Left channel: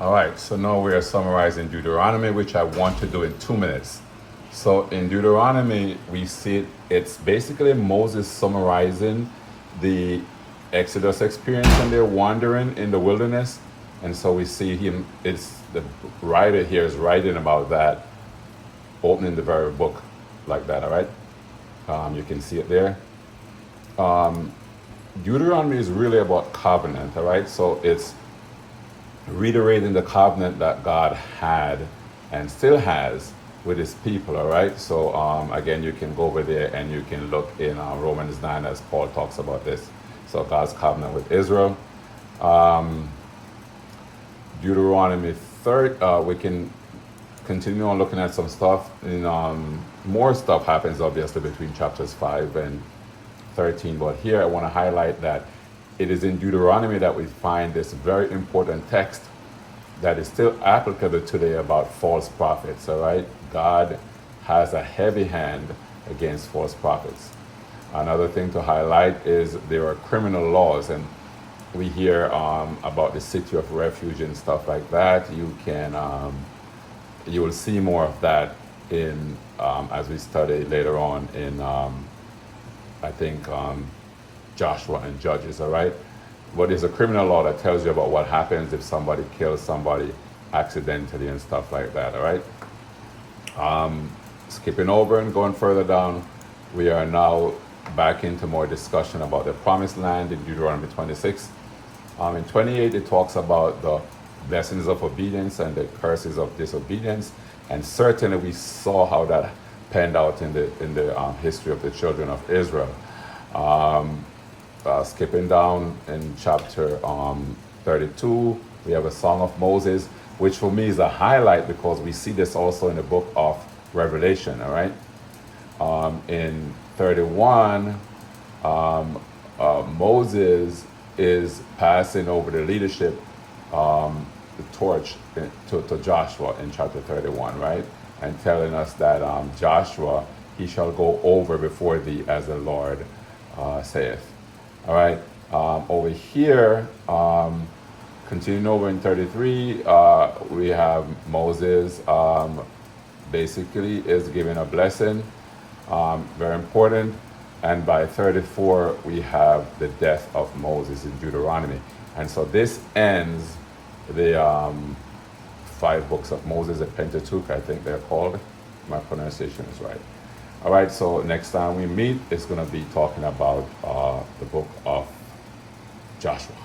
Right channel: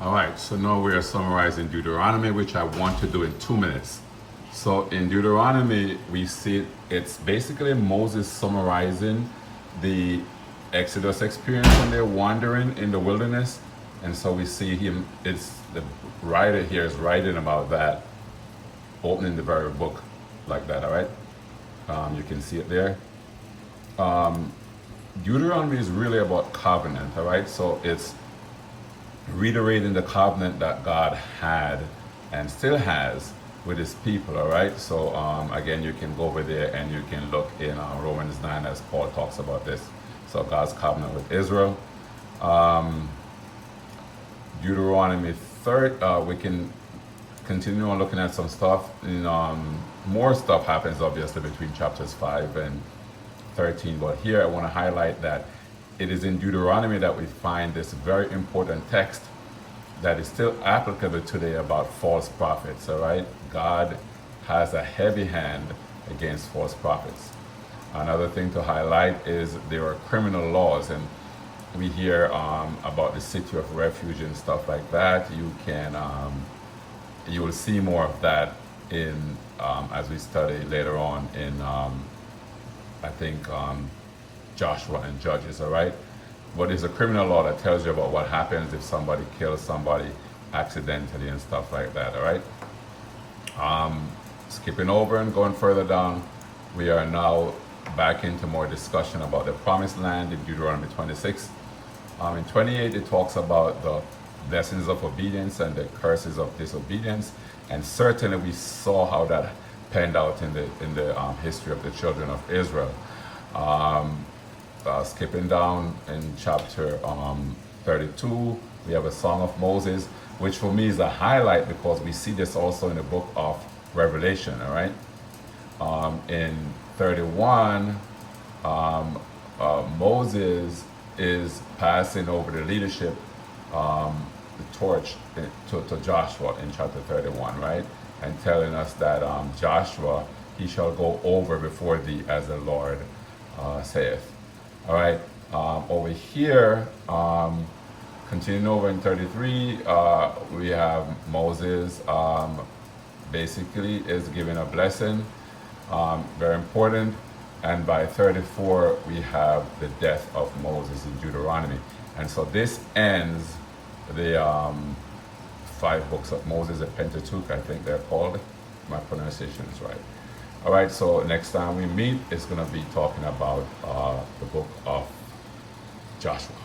All right, so now we are summarizing Deuteronomy, which I want to do in 2 minutes. So in Deuteronomy, we see it's basically Moses summarizing the Exodus experience when they're wandering in the wilderness. And so we see him, it's the writer here is writing about that, opening the very book like that, all right? You can see it there. Deuteronomy is really about covenant, all right? So it's reiterating the covenant that God had and still has with his people, all right? So again, you can go over there and you can look in Romans 9 as Paul talks about this. So God's covenant with Israel. Deuteronomy 3, we can continue on looking at some stuff. More stuff happens obviously between chapters 5 and 13, but here I want to highlight that it is in Deuteronomy that we find this very important text that is still applicable today about false prophets, all right? God has a heavy hand against false prophets. Another thing to highlight is there are criminal laws, and we hear about the city of refuge and stuff like that. You will see more of that in as we study later on in I think Joshua and Judges, all right? But there's a criminal law that tells you about what happens if somebody kills somebody accidentally and stuff like that, all right? Skipping over and going further down, we are now back into more discussion about the promised land in Deuteronomy 26. In 28, it talks about the blessings of obedience and the curses of disobedience, and certainly we saw how that panned out in the history of the children of Israel. Skipping down in chapter 32, we have a Song of Moses, which for me is a highlight because we see this also in the book of Revelation, all right? In 31, Moses is passing over the leadership, the torch to Joshua in chapter 31, right? And telling us that Joshua, he shall go over before thee as the Lord saith. All right, over here, continuing over in 33, we have Moses basically is giving a blessing, very important. And by 34, we have the death of Moses in Deuteronomy. And so this ends the 5 books of Moses, the Pentateuch, I think they're called. My pronunciation is right. All right, so next time we meet, it's going to be talking about the book of Joshua.